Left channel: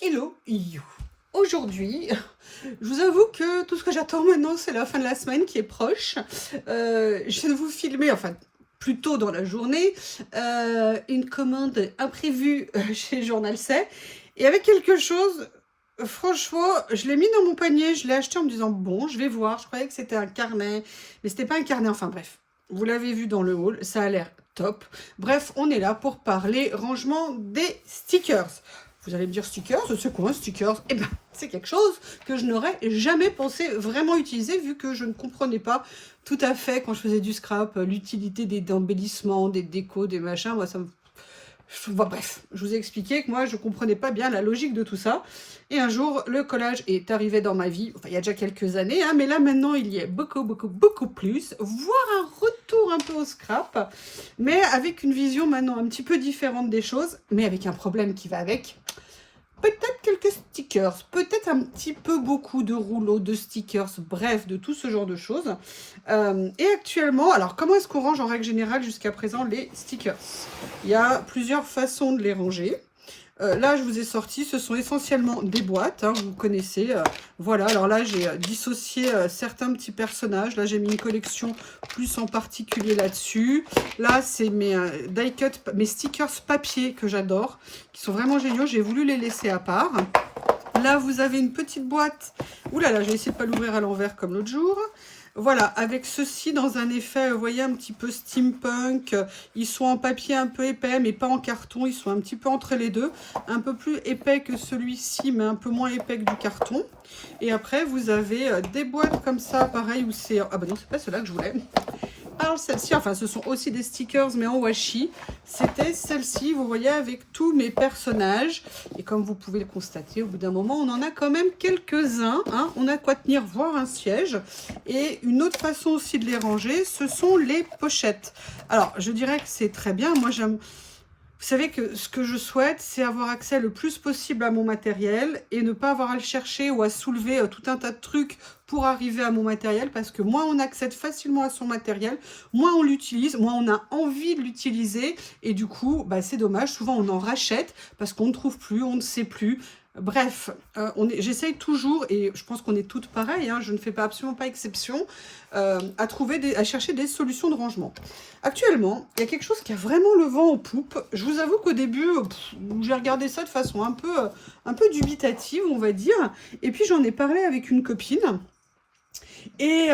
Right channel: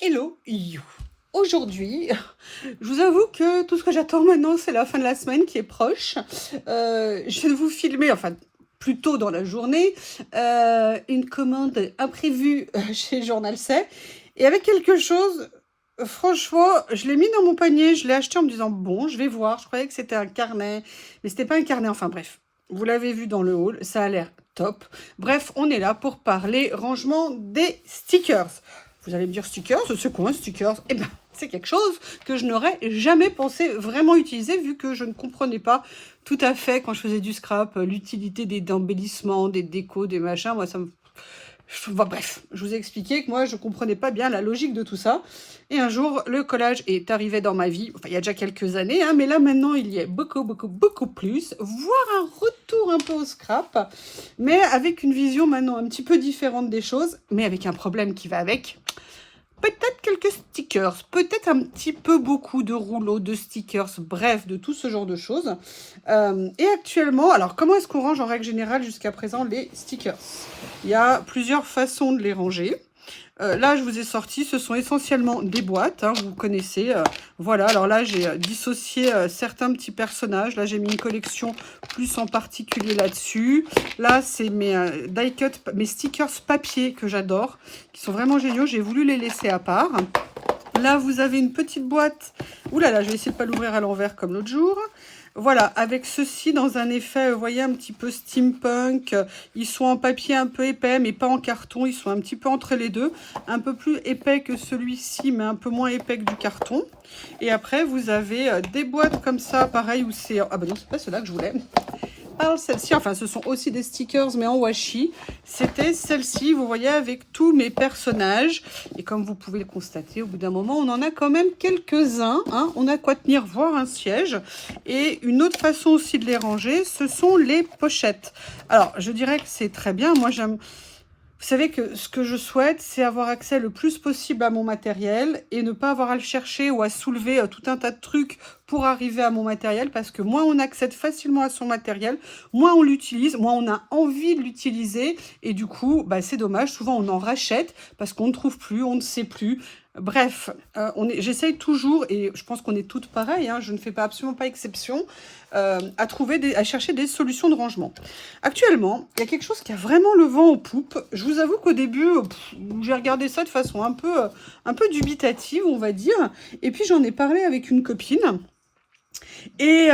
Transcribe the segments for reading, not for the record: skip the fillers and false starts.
Hello, you. Aujourd'hui, je vous avoue que tout ce que j'attends maintenant, c'est la fin de la semaine qui est proche. Je vais vous filmer, enfin, plus tôt dans la journée, une commande imprévue chez Journal C. Et avec quelque chose, franchement, je l'ai mis dans mon panier, je l'ai acheté en me disant, bon, je vais voir. Je croyais que c'était un carnet, mais c'était pas un carnet, enfin bref. Vous l'avez vu dans le haul, ça a l'air top. Bref, on est là pour parler rangement des stickers. Vous allez me dire stickers, c'est quoi un stickers? Eh bien, c'est quelque chose que je n'aurais jamais pensé vraiment utiliser vu que je ne comprenais pas tout à fait quand je faisais du scrap l'utilité des embellissements, des décos, des machins. Moi, ça me... bref, je vous ai expliqué que moi, je ne comprenais pas bien la logique de tout ça. Et un jour, le collage est arrivé dans ma vie. Enfin, il y a déjà quelques années, hein, mais là, maintenant, il y est beaucoup plus. Voire un retour un peu au scrap, mais avec une vision maintenant un petit peu différente des choses, mais avec un problème qui va avec. Peut-être quelques stickers, peut-être un petit peu beaucoup de rouleaux, de stickers, bref, de tout ce genre de choses. Et actuellement, alors comment est-ce qu'on range en règle générale jusqu'à présent les stickers? Il y a plusieurs façons de les ranger. Là, je vous ai sorti, ce sont essentiellement des boîtes, hein, vous connaissez. Voilà, alors là, j'ai dissocié certains petits personnages. Là, j'ai mis une collection plus en particulier là-dessus. Là, c'est mes die cut, mes stickers papier que j'adore, qui sont vraiment géniaux. J'ai voulu les laisser à part. Là, vous avez une petite boîte. Ouh là là, je vais essayer de ne pas l'ouvrir à l'envers comme l'autre jour. Voilà, avec ceci dans un effet, vous voyez, un petit peu steampunk. Ils sont en papier un peu épais, mais pas en carton. Ils sont un petit peu entre les deux. Un peu plus épais que celui-ci, mais un peu moins épais que du carton. Et après, vous avez des boîtes comme ça, pareil, où c'est... Ah bah non, c'est pas ceux-là que je voulais. Alors celle-ci, enfin ce sont aussi des stickers mais en washi, c'était celle-ci, vous voyez, avec tous mes personnages. Et comme vous pouvez le constater, au bout d'un moment, on en a quand même quelques-uns, hein. On a quoi tenir, voire un siège. Et une autre façon aussi de les ranger, ce sont les pochettes. Alors je dirais que c'est très bien, moi j'aime... Vous savez que ce que je souhaite, c'est avoir accès le plus possible à mon matériel et ne pas avoir à le chercher ou à soulever tout un tas de trucs pour arriver à mon matériel, parce que moins on accède facilement à son matériel, moins on l'utilise, moins on a envie de l'utiliser, et du coup, bah, c'est dommage, souvent on en rachète parce qu'on ne trouve plus, on ne sait plus. Bref, j'essaye toujours, et je pense qu'on est toutes pareilles, hein, je ne fais pas absolument pas exception, à chercher des solutions de rangement. Actuellement, il y a quelque chose qui a vraiment le vent en poupe. Je vous avoue qu'au début, j'ai regardé ça de façon un peu dubitative, on va dire. Et puis j'en ai parlé avec une copine. Et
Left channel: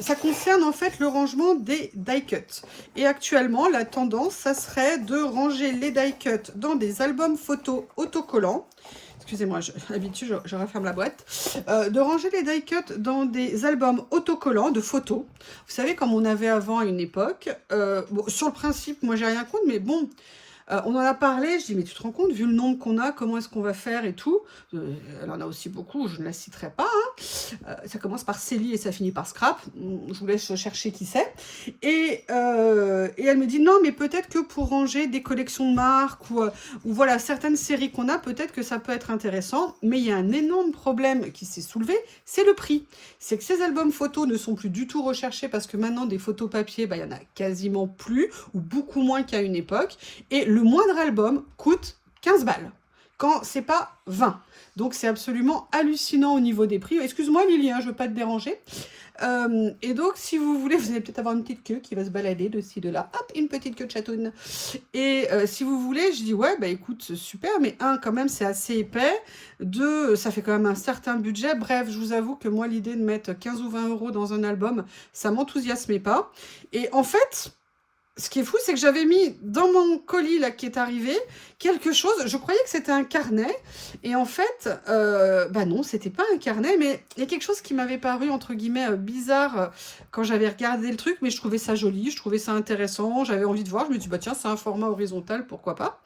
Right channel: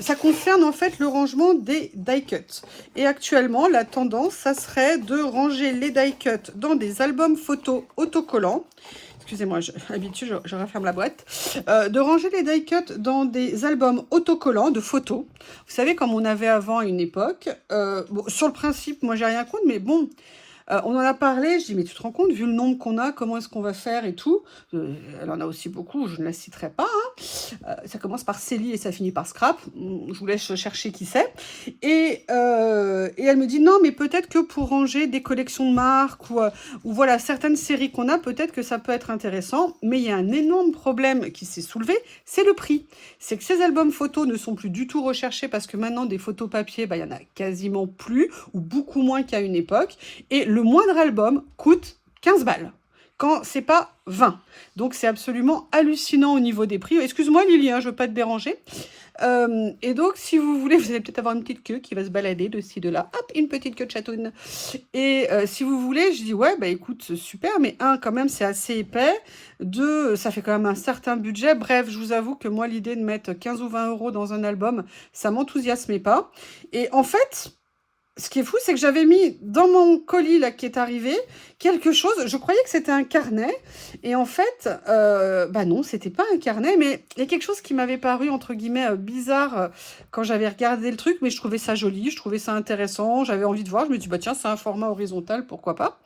ça concerne en fait le rangement des die cuts. Et actuellement, la tendance, ça serait de ranger les die cuts dans des albums photos autocollants. Excusez-moi, d'habitude, je referme la boîte. De ranger les die cuts dans des albums autocollants de photos. Vous savez, comme on avait avant à une époque. Bon, sur le principe, moi, j'ai rien contre, mais bon... on en a parlé, je dis, mais tu te rends compte, vu le nombre qu'on a, comment est-ce qu'on va faire et tout. Elle en a aussi beaucoup, je ne la citerai pas. Hein. Ça commence par Célie et ça finit par Scrap. Je vous laisse chercher qui c'est. Et elle me dit, non, mais peut-être que pour ranger des collections de marques ou voilà, certaines séries qu'on a, peut-être que ça peut être intéressant. Mais il y a un énorme problème qui s'est soulevé, c'est le prix. C'est que ces albums photos ne sont plus du tout recherchés parce que maintenant, des photos papier, bah, il y en a quasiment plus ou beaucoup moins qu'à une époque. Et le moindre album coûte 15 balles, quand c'est pas 20. Donc c'est absolument hallucinant au niveau des prix. Excuse-moi Lily, hein, je veux pas te déranger. Et donc si vous voulez, vous allez peut-être avoir une petite queue qui va se balader de ci, de là. Hop, une petite queue de chatoune. Et si vous voulez, je dis ouais, bah écoute, super, mais un, quand même, c'est assez épais. Deux, ça fait quand même un certain budget. Bref, je vous avoue que moi, l'idée de mettre 15 ou 20 € dans un album, ça m'enthousiasmait pas. Et en fait... Ce qui est fou, c'est que j'avais mis dans mon colis là qui est arrivé quelque chose. Je croyais que c'était un carnet. Et en fait, bah non, c'était pas un carnet. Mais il y a quelque chose qui m'avait paru, entre guillemets, bizarre quand j'avais regardé le truc. Mais je trouvais ça joli, je trouvais ça intéressant. J'avais envie de voir. Je me dis, bah tiens, c'est un format horizontal, pourquoi pas.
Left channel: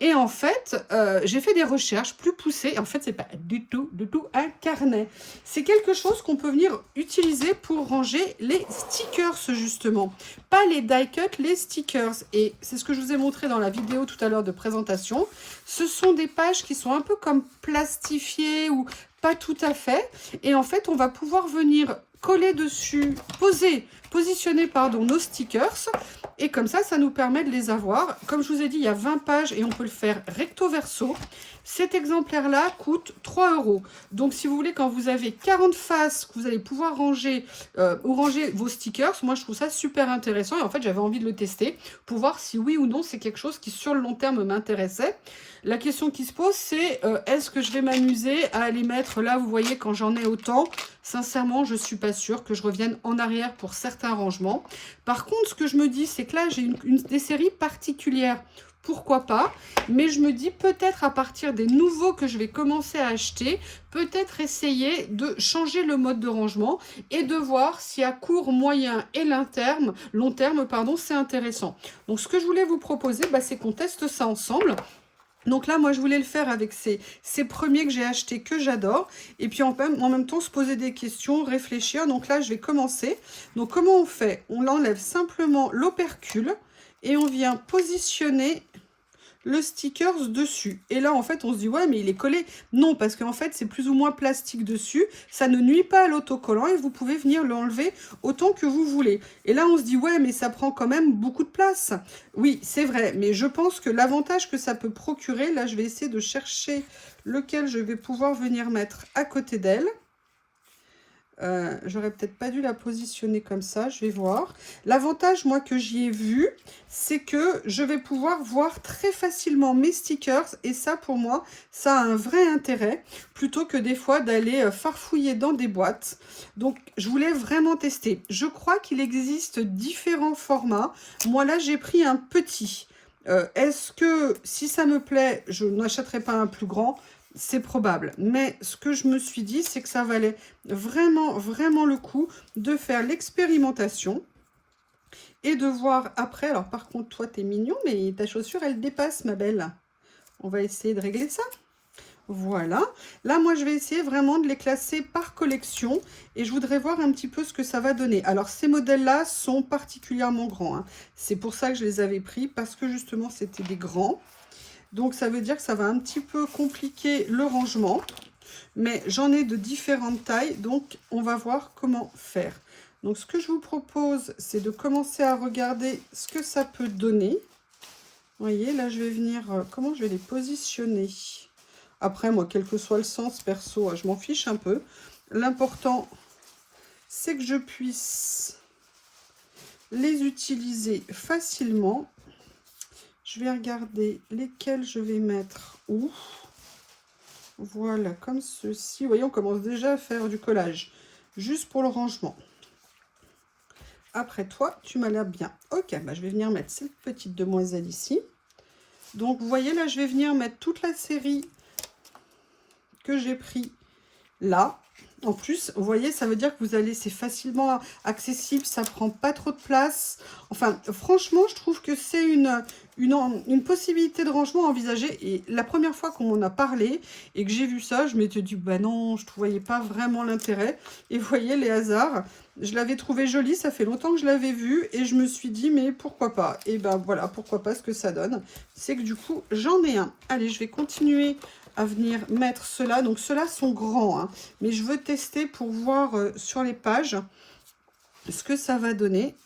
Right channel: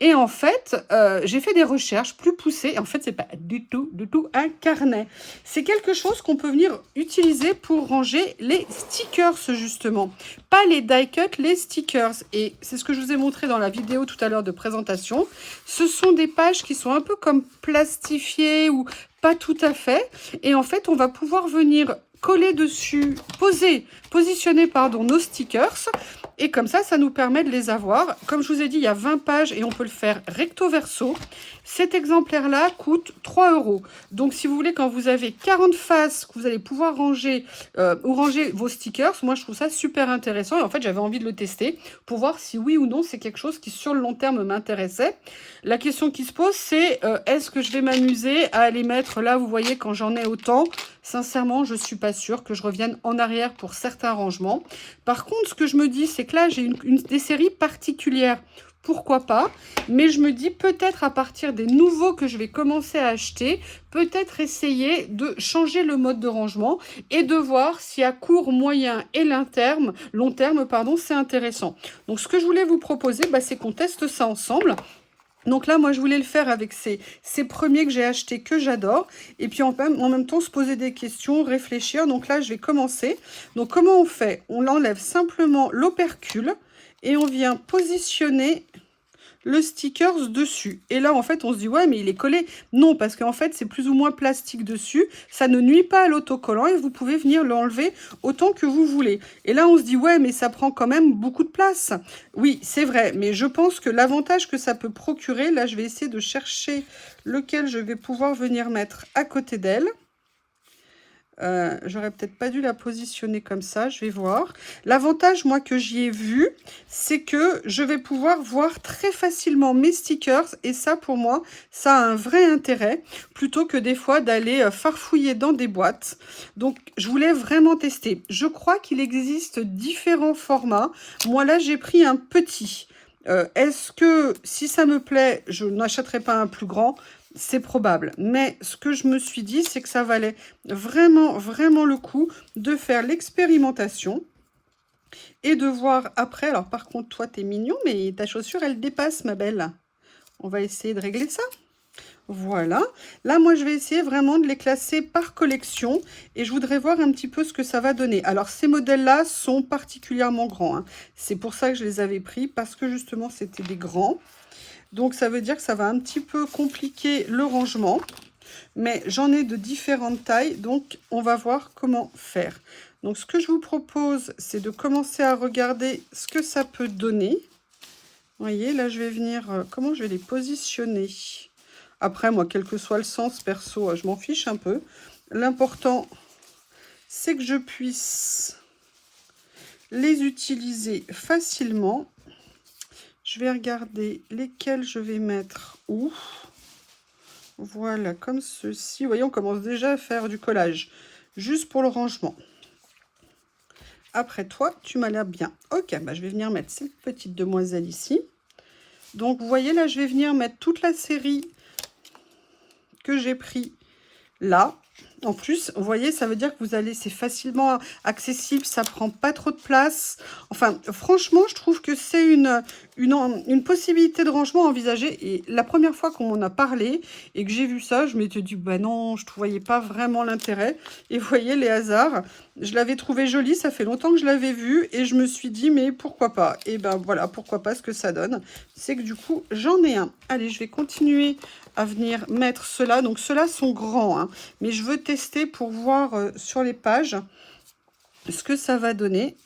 Et en fait, j'ai fait des recherches plus poussées. Et en fait, c'est pas du tout un carnet. C'est quelque chose qu'on peut venir utiliser pour ranger les stickers, justement. Pas les die cut, les stickers. Et c'est ce que je vous ai montré dans la vidéo tout à l'heure de présentation. Ce sont des pages qui sont un peu comme plastifiées ou pas tout à fait. Et en fait, on va pouvoir venir coller dessus, positionner pardon, nos stickers. Et comme ça nous permet de les avoir. Comme je vous ai dit, il y a 20 pages et on peut le faire recto verso. Cet exemplaire-là coûte 3 €. Donc, si vous voulez, quand vous avez 40 faces, que vous allez pouvoir ranger ou ranger vos stickers, moi, je trouve ça super intéressant. Et en fait, j'avais envie de le tester pour voir si oui ou non, c'est quelque chose qui, sur le long terme, m'intéressait. La question qui se pose, c'est est-ce que je vais m'amuser à les mettre là, vous voyez, quand j'en ai autant? Sincèrement, je ne suis pas sûre que je revienne en arrière pour certains rangements. Par contre, ce que je me dis, c'est que là, j'ai des séries particulières. Pourquoi pas? Mais je me dis peut-être à partir des nouveaux que je vais commencer à acheter, peut-être essayer de changer le mode de rangement et de voir si à court, moyen et long terme, pardon, c'est intéressant. Donc, ce que je voulais vous proposer, c'est qu'on teste ça ensemble. Donc là, moi, je voulais le faire avec ces premiers que j'ai achetés, que j'adore. Et puis, en même temps, se poser des questions, réfléchir. Donc là, je vais commencer. Donc, comment on fait? On enlève simplement l'opercule et on vient positionner le stickers dessus. Et là, en fait, on se dit, ouais, mais il est collé. Non, parce qu'en fait, c'est plus ou moins plastique dessus. Ça ne nuit pas à l'autocollant et vous pouvez venir l'enlever autant que vous voulez. Et là, on se dit, ouais, mais ça prend quand même beaucoup de place. Oui, c'est vrai, mais je pense que l'avantage que ça peut procurer, là, je vais essayer de chercher lequel je vais pouvoir venir mettre à côté d'elle. J'aurais peut-être pas dû la positionner comme ça, je vais voir. L'avantage, moi, que j'y ai vu, c'est que je vais pouvoir voir très facilement mes stickers. Et ça, pour moi, ça a un vrai intérêt, plutôt que des fois d'aller farfouiller dans des boîtes. Donc, je voulais vraiment tester. Je crois qu'il existe différents formats. Moi, là, j'ai pris un petit. Est-ce que, si ça me plaît, je n'achèterai pas un plus grand ? C'est probable, mais ce que je me suis dit, c'est que ça valait vraiment, vraiment le coup de faire l'expérimentation et de voir après. Alors par contre, toi, t'es mignon, mais ta chaussure, elle dépasse, ma belle. On va essayer de régler ça. Voilà. Là, moi, je vais essayer vraiment de les classer par collection et je voudrais voir un petit peu ce que ça va donner. Alors, ces modèles-là sont particulièrement grands, hein. C'est pour ça que je les avais pris, parce que justement, c'était des grands. Donc, ça veut dire que ça va un petit peu compliquer le rangement. Mais j'en ai de différentes tailles, donc on va voir comment faire. Donc, ce que je vous propose, c'est de commencer à regarder ce que ça peut donner. Vous voyez, là, je vais venir... comment je vais les positionner? Après, moi, quel que soit le sens, perso, je m'en fiche un peu. L'important, c'est que je puisse les utiliser facilement. Je vais regarder lesquels je vais mettre où. Voilà, comme ceci. Vous voyez, on commence déjà à faire du collage. Juste pour le rangement. Après, toi, tu m'as l'air bien. Ok, je vais venir mettre cette petite demoiselle ici. Donc, vous voyez, là, je vais venir mettre toute la série que j'ai pris là. En plus, vous voyez, ça veut dire que vous allez, c'est facilement accessible, ça prend pas trop de place. Enfin, franchement, je trouve que c'est une possibilité de rangement envisagée. Et la première fois qu'on m'en a parlé et que j'ai vu ça, je m'étais dit, bah non, je ne voyais pas vraiment l'intérêt. Et vous voyez, les hasards, je l'avais trouvé joli, ça fait longtemps que je l'avais vu et je me suis dit, mais pourquoi pas? Et ben voilà, pourquoi pas, ce que ça donne. C'est que du coup, j'en ai un. Allez, je vais continuer à venir mettre ceux-là. Donc, ceux-là sont grands, hein, mais je veux tester pour voir sur les pages ce que ça va donner.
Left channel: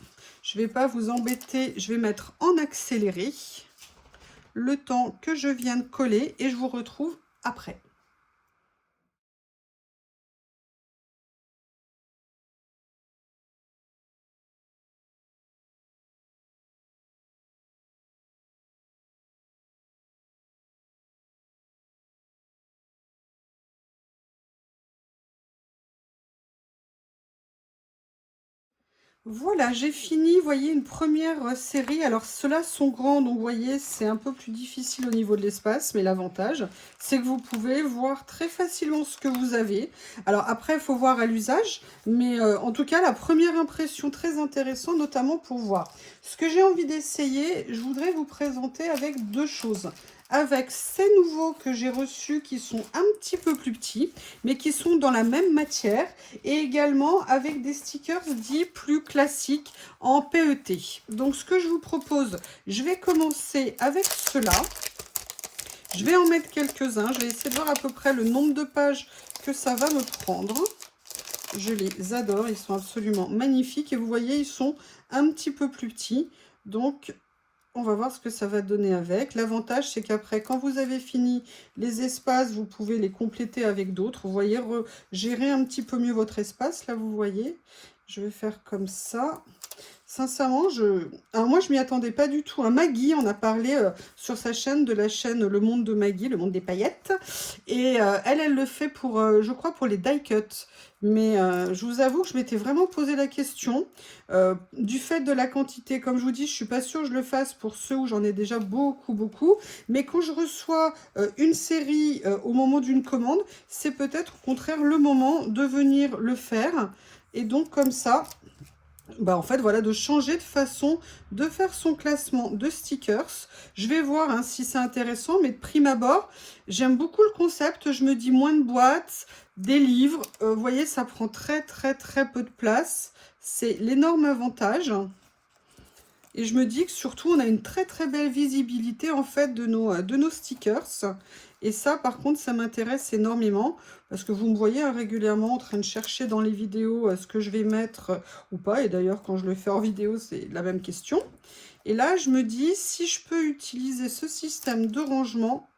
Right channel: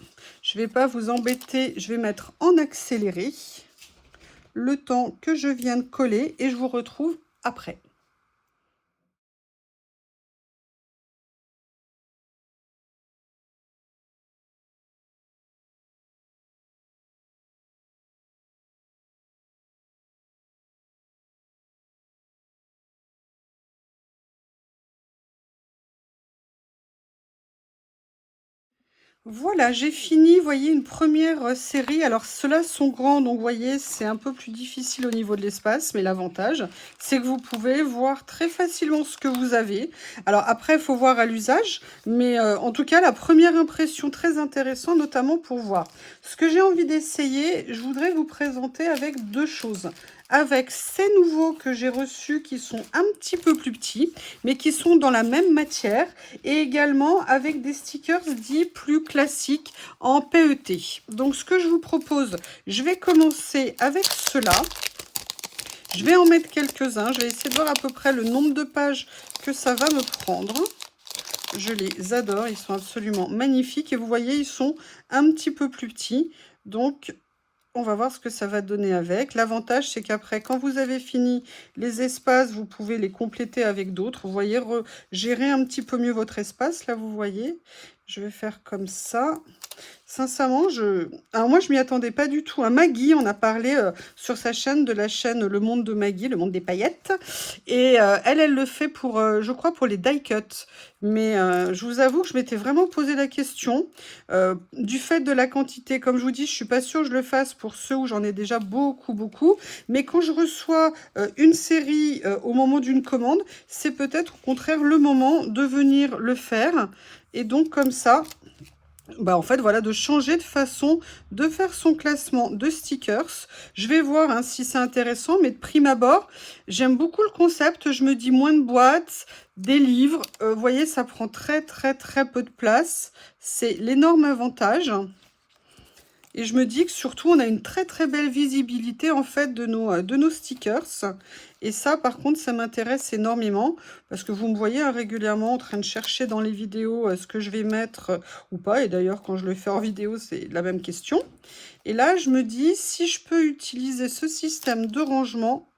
Je ne vais pas vous embêter, je vais mettre en accéléré le temps que je viens de coller et je vous retrouve après. Voilà, j'ai fini, vous voyez, une première série. Alors, ceux-là sont grands, donc vous voyez, c'est un peu plus difficile au niveau de l'espace, mais l'avantage, c'est que vous pouvez voir très facilement ce que vous avez. Alors, après, il faut voir à l'usage, mais en tout cas, la première impression très intéressante, notamment pour voir. Ce que j'ai envie d'essayer, je voudrais vous présenter avec deux choses. Avec ces nouveaux que j'ai reçus qui sont un petit peu plus petits, mais qui sont dans la même matière, et également avec des stickers dits plus classiques en PET. Donc, ce que je vous propose, je vais commencer avec ceux-là. Je vais en mettre quelques-uns. Je vais essayer de voir à peu près le nombre de pages que ça va me prendre. Je les adore. Ils sont absolument magnifiques. Et vous voyez, ils sont un petit peu plus petits. Donc, on va voir ce que ça va donner avec. L'avantage, c'est qu'après, quand vous avez fini les espaces, vous pouvez les compléter avec d'autres. Vous voyez, gérer un petit peu mieux votre espace. Là, vous voyez, je vais faire comme ça. Sincèrement, alors moi, je m'y attendais pas du tout. Maggie, on a parlé sur sa chaîne, de la chaîne Le Monde de Maggie, Le Monde des paillettes. Et elle le fait pour, je crois, pour les die cuts. Mais je vous avoue que je m'étais vraiment posé la question. Du fait de la quantité, comme je vous dis, je suis pas sûre que je le fasse pour ceux où j'en ai déjà beaucoup, beaucoup. Mais quand je reçois une série au moment d'une commande, c'est peut-être au contraire le moment de venir le faire. Et donc, comme ça... Bah en fait, voilà, de changer de façon de faire son classement de stickers. Je vais voir hein, si c'est intéressant, mais de prime abord, j'aime beaucoup le concept. Je me dis moins de boîtes, des livres. Vous voyez, ça prend très peu de place. C'est l'énorme avantage. Et je me dis que surtout, on a une très belle visibilité en fait de nos stickers. Et ça, par contre, ça m'intéresse énormément parce que vous me voyez hein, régulièrement en train de chercher dans les vidéos ce que je vais mettre ou pas. Et d'ailleurs, quand je le fais en vidéo, c'est la même question. Et là, je me dis, si je peux utiliser ce système de rangement,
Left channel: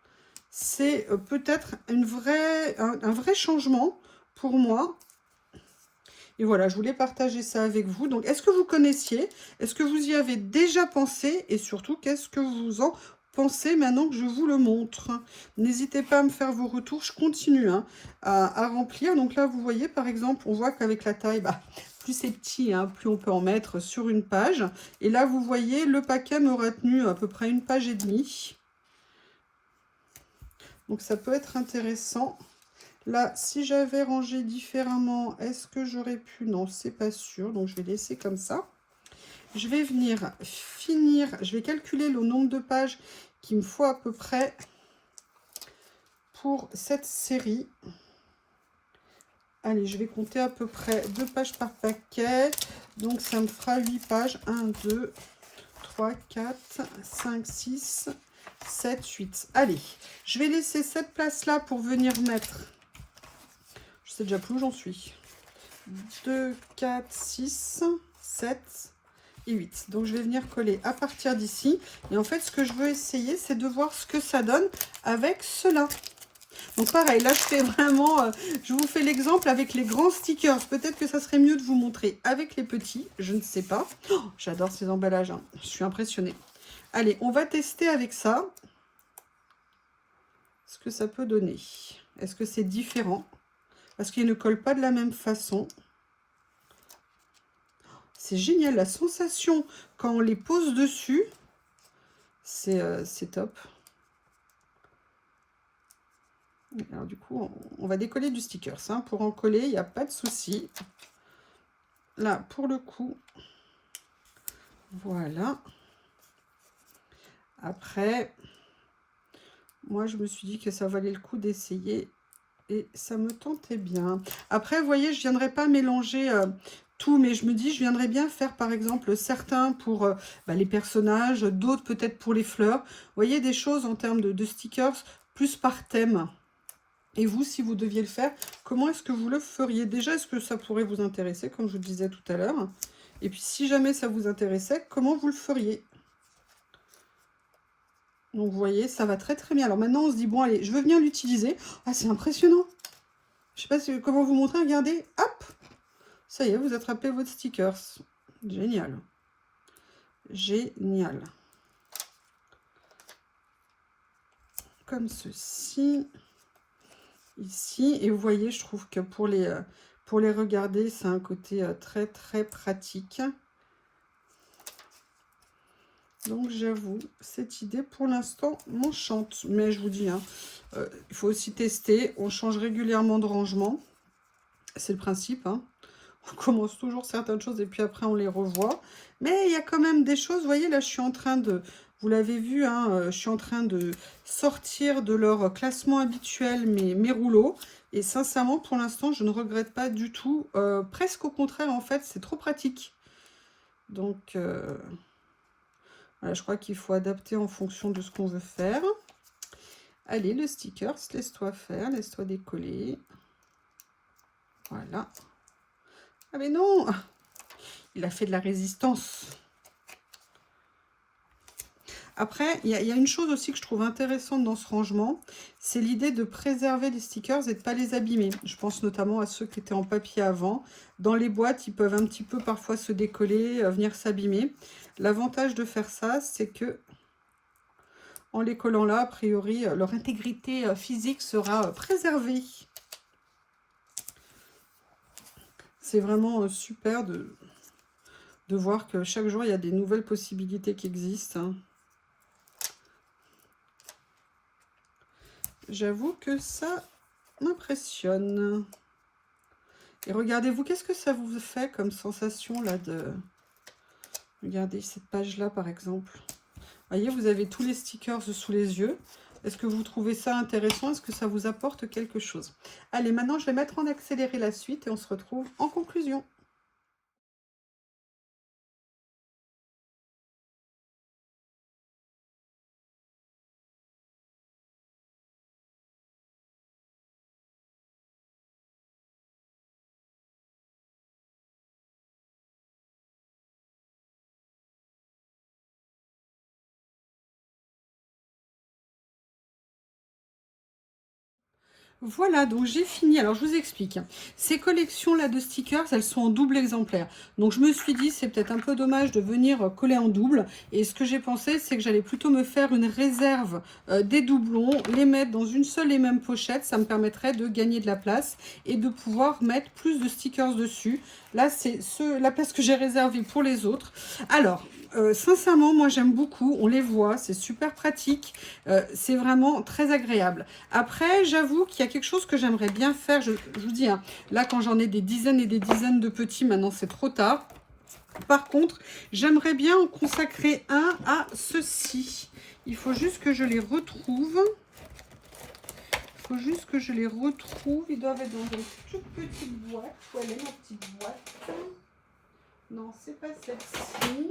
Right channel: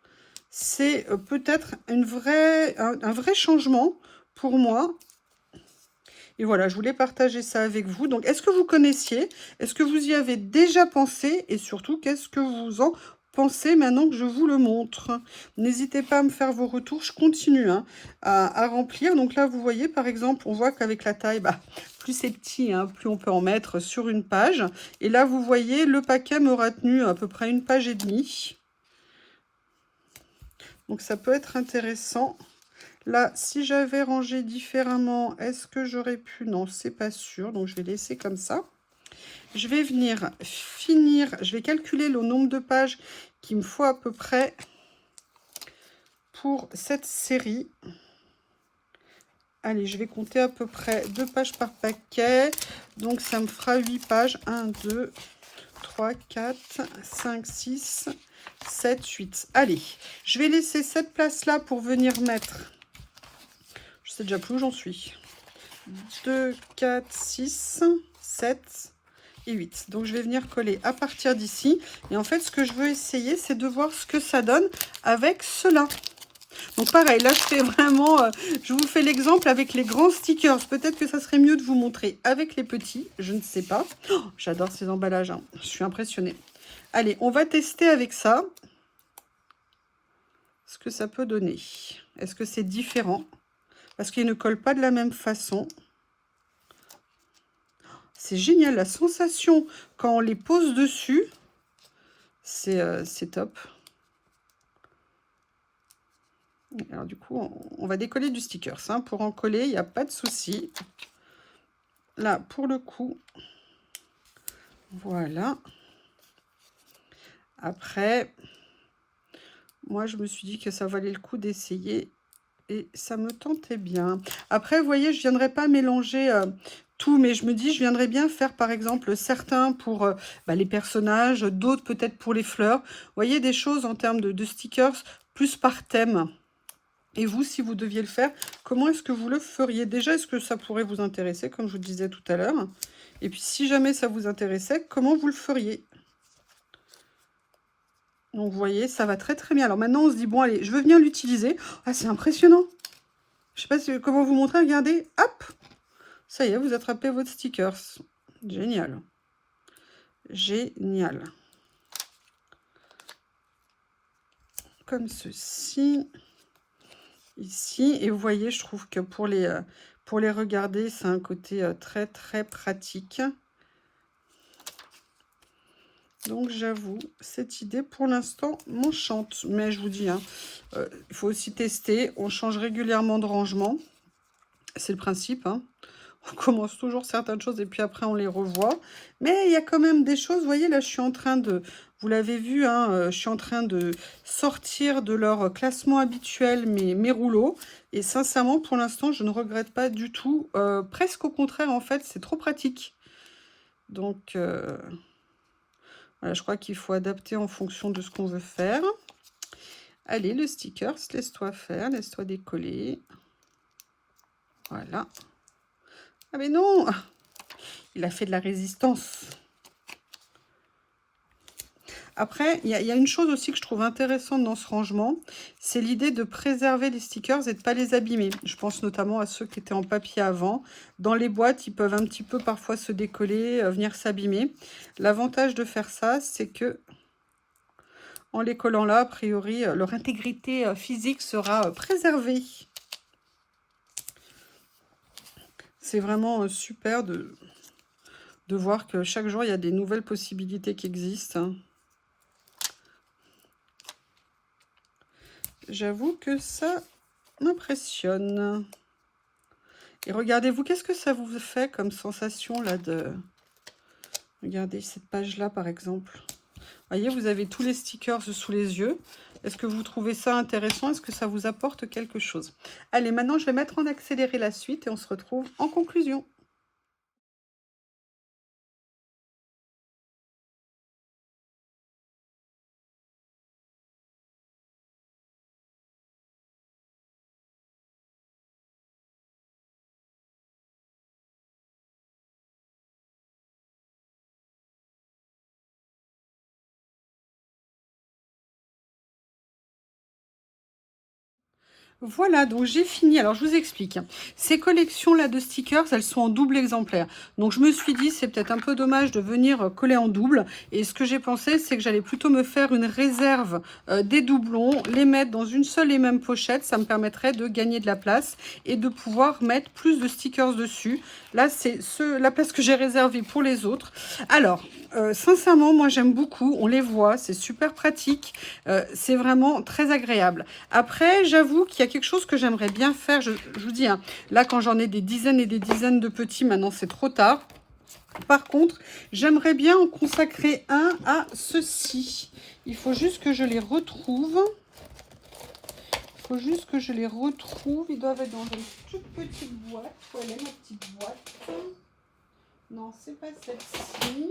c'est peut-être un vrai changement pour moi. Et voilà, je voulais partager ça avec vous. Donc, est-ce que vous connaissiez? Est-ce que vous y avez déjà pensé? Et surtout, qu'est-ce que vous en pensez maintenant que je vous le montre? N'hésitez pas à me faire vos retours. Je continue hein, à remplir. Donc là, vous voyez, par exemple, on voit qu'avec la taille, plus c'est petit, hein, plus on peut en mettre sur une page. Et là, vous voyez, le paquet m'aura tenu à peu près 1,5 pages. Donc, ça peut être intéressant. Là, si j'avais rangé différemment, est-ce que j'aurais pu? Non, c'est pas sûr. Donc, je vais laisser comme ça. Je vais venir finir. Je vais calculer le nombre de pages qu'il me faut à peu près pour cette série. Allez, je vais compter à peu près 2 pages par paquet. Donc, ça me fera 8 pages. 1, 2, 3, 4, 5, 6, 7, 8. Allez, je vais laisser cette place-là pour venir mettre... Je sais déjà plus où j'en suis. 2, 4, 6, 7 et 8. Donc, je vais venir coller à partir d'ici. Et en fait, ce que je veux essayer, c'est de voir ce que ça donne avec cela. Donc, pareil, là, je fais vraiment... je vous fais l'exemple avec les grands stickers. Peut-être que ça serait mieux de vous montrer avec les petits. Je ne sais pas. Oh, j'adore ces emballages. Hein. Je suis impressionnée. Allez, on va tester avec ça. Ce que ça peut donner. Est-ce que c'est différent? Parce qu'ils ne collent pas de la même façon. C'est génial, la sensation quand on les pose dessus, c'est top. Alors du coup, on va décoller du sticker. Hein. Pour en coller, il n'y a pas de souci. Là, pour le coup, voilà. Après, moi, je me suis dit que ça valait le coup d'essayer. Et ça me tentait bien. Après, vous voyez, je ne viendrai pas mélanger tout, mais je me dis, je viendrais bien faire, par exemple, certains pour les personnages, d'autres peut-être pour les fleurs. Vous voyez, des choses en termes de stickers, plus par thème. Et vous, si vous deviez le faire, comment est-ce que vous le feriez? Déjà, est-ce que ça pourrait vous intéresser, comme je vous disais tout à l'heure? Et puis, si jamais ça vous intéressait, comment vous le feriez? Donc, vous voyez, ça va très bien. Alors, maintenant, on se dit, bon, allez, je veux venir l'utiliser. Ah, c'est impressionnant. Je ne sais pas comment vous montrer. Regardez, hop, ça y est, vous attrapez votre stickers. Génial. Génial. Comme ceci. Ici. Et vous voyez, je trouve que pour les regarder, c'est un côté très pratique. Donc, j'avoue, cette idée, pour l'instant, m'enchante. Mais je vous dis, hein, il faut aussi tester. On change régulièrement de rangement. C'est le principe, hein. On commence toujours certaines choses et puis après, on les revoit. Mais il y a quand même des choses. Vous voyez, là, je suis en train de... Vous l'avez vu, hein, je suis en train de sortir de leur classement habituel mes rouleaux. Et sincèrement, pour l'instant, je ne regrette pas du tout. Presque au contraire, en fait, c'est trop pratique. Donc... Voilà, je crois qu'il faut adapter en fonction de ce qu'on veut faire. Allez, le sticker, laisse-toi faire, laisse-toi décoller. Voilà. Ah mais non, il a fait de la résistance. Après, il y a une chose aussi que je trouve intéressante dans ce rangement, c'est l'idée de préserver les stickers et de ne pas les abîmer. Je pense notamment à ceux qui étaient en papier avant. Dans les boîtes, ils peuvent un petit peu parfois se décoller, venir s'abîmer. L'avantage de faire ça, c'est que en les collant là, a priori, leur intégrité physique sera préservée. C'est vraiment super de voir que chaque jour, il y a des nouvelles possibilités qui existent. J'avoue que ça m'impressionne. Et regardez-vous, qu'est-ce que ça vous fait comme sensation là de... Regardez cette page-là par exemple. Vous voyez, vous avez tous les stickers sous les yeux. Est-ce que vous trouvez ça intéressant? Est-ce que ça vous apporte quelque chose? Allez, maintenant je vais mettre en accéléré la suite et on se retrouve en conclusion. Voilà, donc j'ai fini. Alors, je vous explique. Ces collections-là de stickers, elles sont en double exemplaire. Donc, je me suis dit, c'est peut-être un peu dommage de venir coller en double. Et ce que j'ai pensé, c'est que j'allais plutôt me faire une réserve des doublons, les mettre dans une seule et même pochette. Ça me permettrait de gagner de la place et de pouvoir mettre plus de stickers dessus. Là, c'est la place que j'ai réservée pour les autres. Alors, sincèrement, moi, j'aime beaucoup. On les voit, c'est super pratique. C'est vraiment très agréable. Après, j'avoue qu'il y a quelque chose que j'aimerais bien faire. Je vous dis, hein, là, quand j'en ai des dizaines et des dizaines de petits, maintenant, c'est trop tard. Par contre, j'aimerais bien en consacrer un à ceci. Il faut juste que je les retrouve. Il faut juste que je les retrouve. Ils doivent être dans une toute petite boîte. Où elle est, ma petite boîte? Non, c'est pas celle-ci.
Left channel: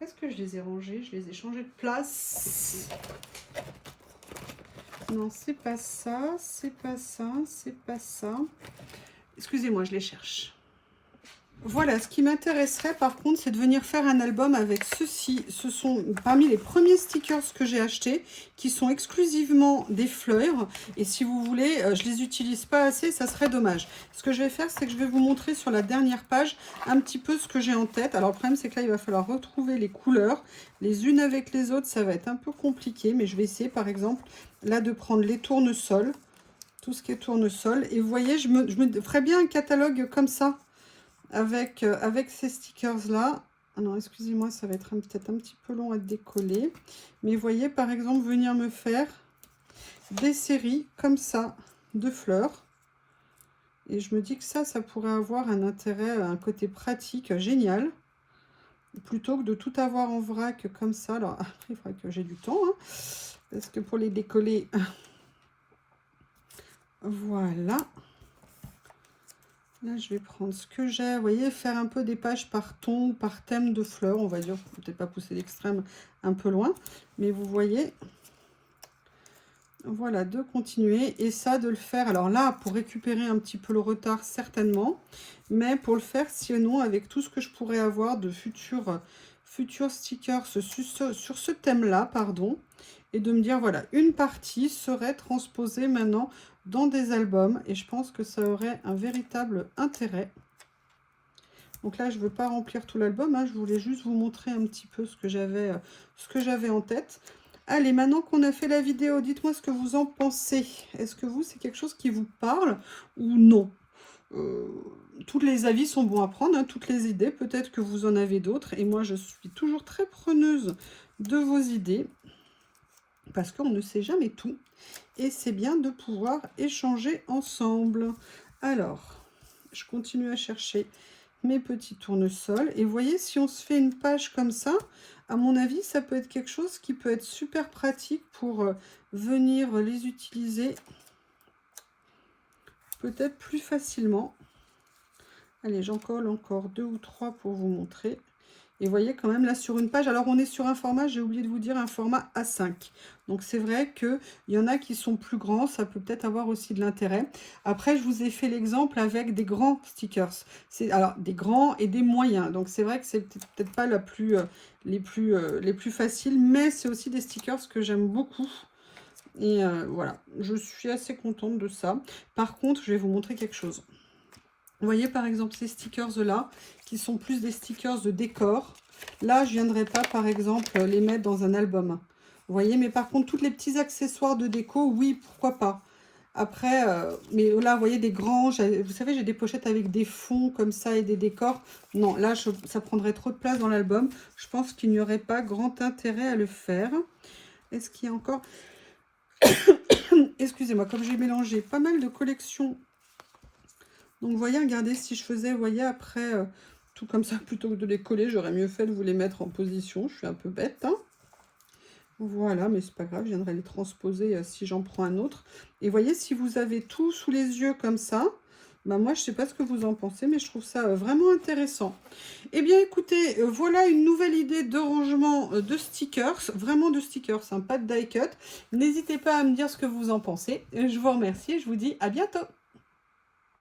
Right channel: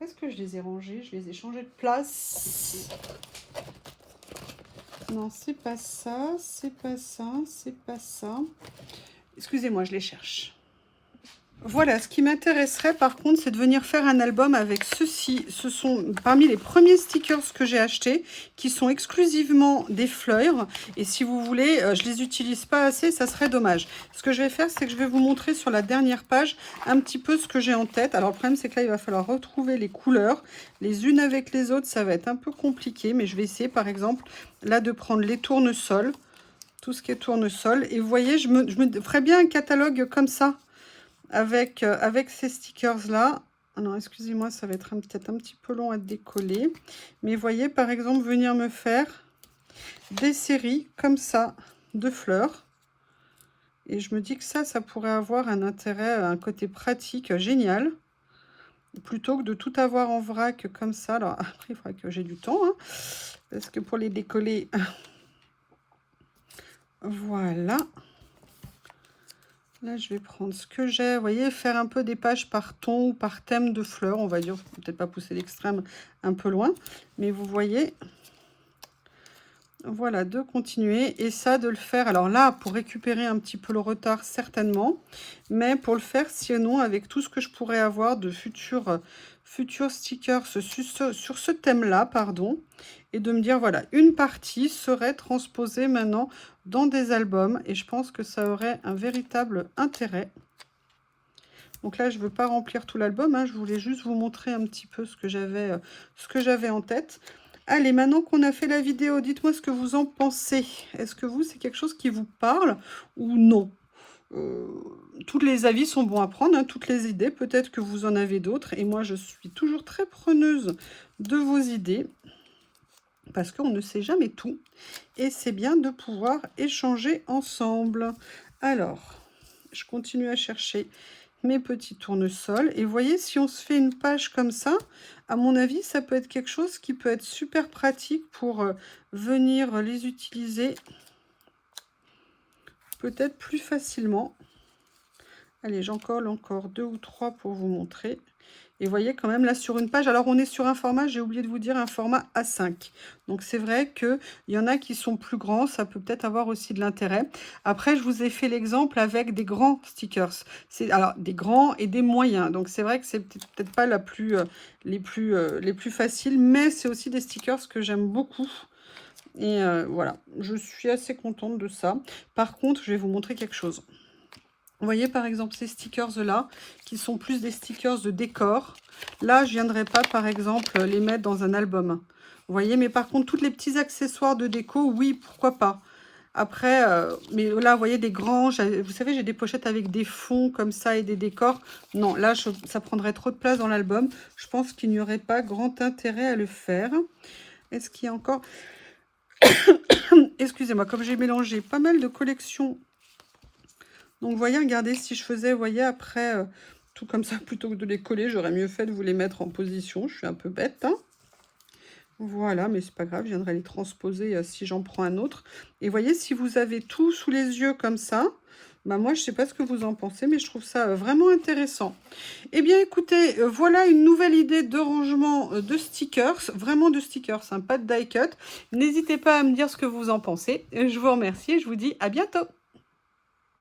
Est-ce que je les ai rangés? Je les ai changés de place. Non, c'est pas ça, c'est pas ça, c'est pas ça. Excusez-moi, je les cherche. Voilà, ce qui m'intéresserait par contre, c'est de venir faire un album avec ceci. Ce sont parmi les premiers stickers que j'ai achetés, qui sont exclusivement des fleurs. Et si vous voulez, je les utilise pas assez, ça serait dommage. Ce que je vais faire, c'est que je vais vous montrer sur la dernière page un petit peu ce que j'ai en tête. Alors le problème, c'est que là, il va falloir retrouver les couleurs. Les unes avec les autres, ça va être un peu compliqué. Mais je vais essayer, par exemple, là, de prendre les tournesols. Tout ce qui est tournesol. Et vous voyez, je me ferais bien un catalogue comme ça. Avec ces stickers-là. Alors, excusez-moi, ça va être peut-être un petit peu long à décoller. Mais vous voyez, par exemple, venir me faire des séries comme ça de fleurs. Et je me dis que ça pourrait avoir un intérêt, un côté pratique génial. Plutôt que de tout avoir en vrac comme ça. Alors, après, il faudra que j'ai du temps. Hein, parce que pour les décoller... Voilà. Là, je vais prendre ce que j'ai. Vous voyez, faire un peu des pages par ton, par thème de fleurs. On va dire, peut-être pas pousser l'extrême un peu loin. Mais vous voyez, voilà, de continuer. Et ça, de le faire. Alors là, pour récupérer un petit peu le retard, certainement. Mais pour le faire, sinon, avec tout ce que je pourrais avoir de futurs stickers sur ce thème-là, pardon. Et de me dire, voilà, une partie serait transposée maintenant dans des albums. Et je pense que ça aurait un véritable intérêt. Donc là, je ne veux pas remplir tout l'album. Hein, je voulais juste vous montrer un petit peu ce que j'avais en tête. Allez, maintenant qu'on a fait la vidéo, dites-moi ce que vous en pensez. Est-ce que vous, c'est quelque chose qui vous parle ou non? Tous les avis sont bons à prendre, hein, toutes les idées. Peut-être que vous en avez d'autres. Et moi, je suis toujours très preneuse de vos idées. Parce qu'on ne sait jamais tout. Et c'est bien de pouvoir échanger ensemble. Alors, je continue à chercher mes petits tournesols. Et vous voyez, si on se fait une page comme ça, à mon avis, ça peut être quelque chose qui peut être super pratique pour venir les utiliser peut-être plus facilement. Allez, j'en colle encore 2 ou 3 pour vous montrer. Et vous voyez quand même là sur une page, alors on est sur un format, j'ai oublié de vous dire, un format A5. Donc c'est vrai qu'il y en a qui sont plus grands, ça peut peut-être avoir aussi de l'intérêt. Après, je vous ai fait l'exemple avec des grands stickers. Alors des grands et des moyens. Donc c'est vrai que c'est peut-être pas les plus faciles, mais c'est aussi des stickers que j'aime beaucoup. Et voilà, je suis assez contente de ça. Par contre, je vais vous montrer quelque chose. Vous voyez par exemple ces stickers-là, qui sont plus des stickers de décor. Là, je ne viendrai pas par exemple les mettre dans un album. Vous voyez, mais par contre, tous les petits accessoires de déco, oui, pourquoi pas. Après, mais là, vous voyez, des grands, vous savez, j'ai des pochettes avec des fonds comme ça et des décors. Non, là, ça prendrait trop de place dans l'album. Je pense qu'il n'y aurait pas grand intérêt à le faire. Est-ce qu'il y a encore... Excusez-moi, comme j'ai mélangé pas mal de collections. Donc, vous voyez, regardez, si je faisais, vous voyez, après, tout comme ça, plutôt que de les coller, j'aurais mieux fait de vous les mettre en position. Je suis un peu bête, hein. Voilà, mais c'est pas grave, je viendrai les transposer si j'en prends un autre. Et vous voyez, si vous avez tout sous les yeux comme ça, bah moi, je sais pas ce que vous en pensez, mais je trouve ça vraiment intéressant. Eh bien, écoutez, voilà une nouvelle idée de rangement de stickers, vraiment de stickers, hein, pas de die cut. N'hésitez pas à me dire ce que vous en pensez. Je vous remercie et je vous dis à bientôt.